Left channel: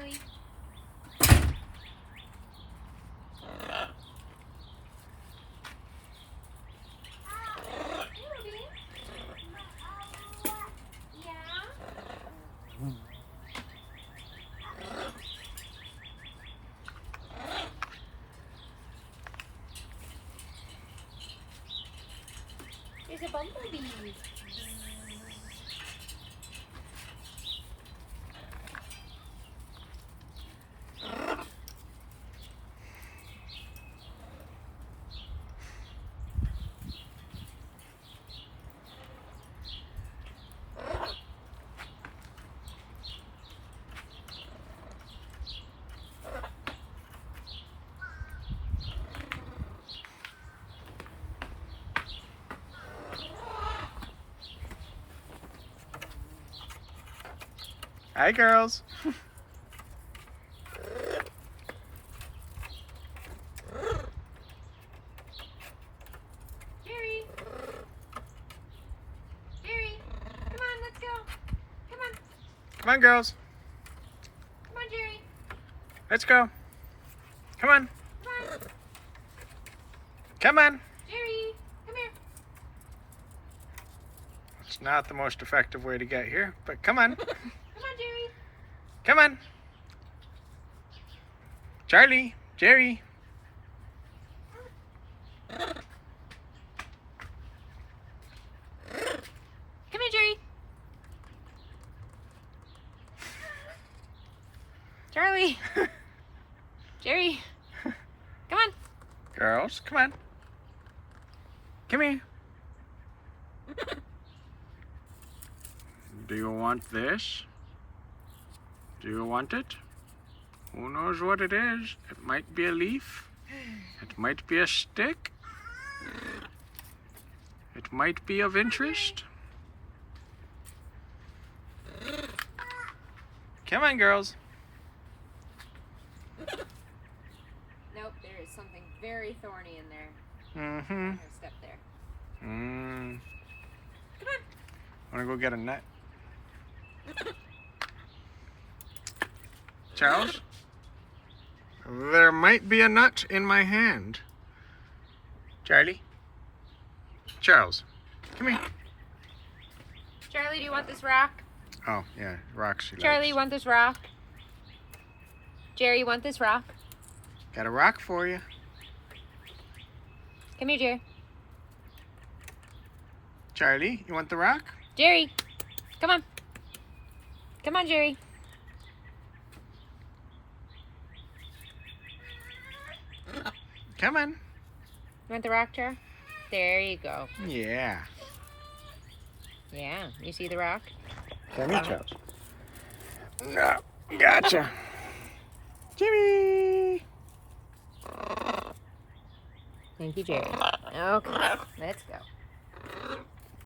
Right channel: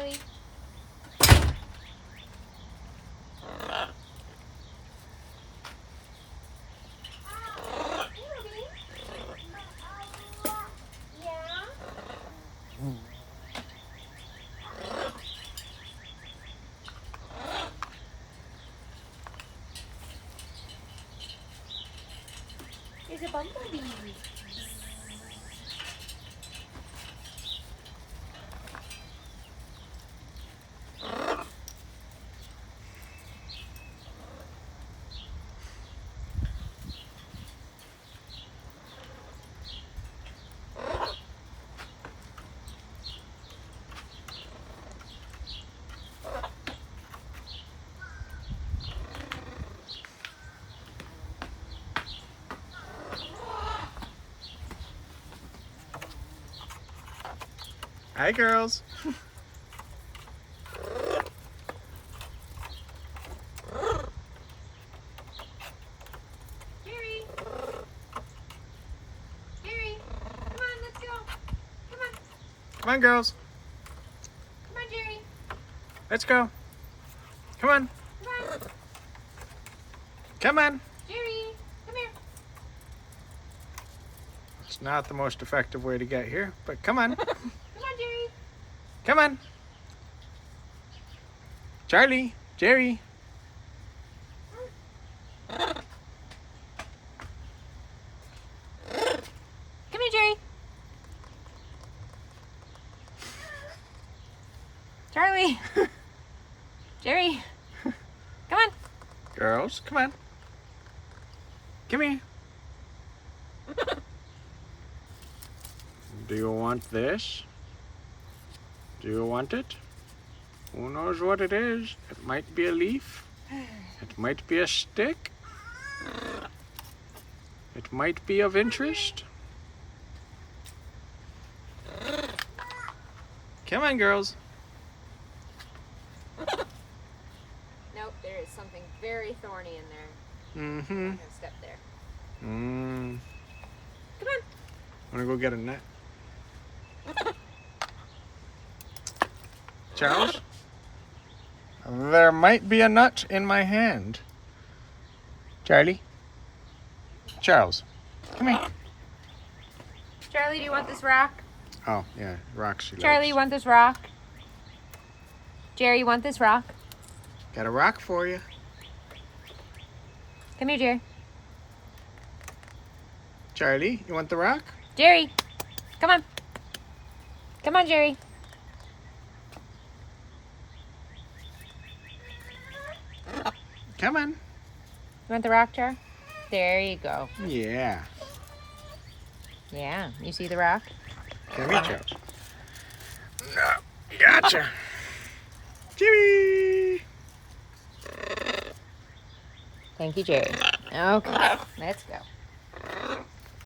Charlie. There's a bumblebee. Hi, girls. Jerry. Jerry. Come on, let's go. Come on. Come on, girls. Come on, Jerry. Let's go. Come on. Come on. Come on. Jerry, come here. It's not the most effective way to get here, but come on. Come on, Jerry. Come on. Charlie, Jerry. Come here, Jerry. Charlie. Jerry. Come on. Girls, come on. Come here. Do you want this? Do you want it? Who knows what it is? It might be a leaf. It might be a stick. It might be of interest. Come on, girls. Nope, there is something very thorny in there. Mm-hmm. I'm gonna step there. Mm. Come on. Wanna go get a net? Charles? There might be a nut in my hand. Charlie? Charles, come here. Charlie, do you want this rock? Oh, yeah, rocks she Charlie, likes. you want this rock? Jerry, you want this rock? Got a rock for you. Come here, Jerry. Charlie, you want the rock? Jerry, come on. Come on, Jerry. Come on. You want the rock, Char? There you go. Yeah. Yeah, you see the rock? Come here, Charles. No, gotcha. Jimmy! Thank you, Jerry. Okay, let's go.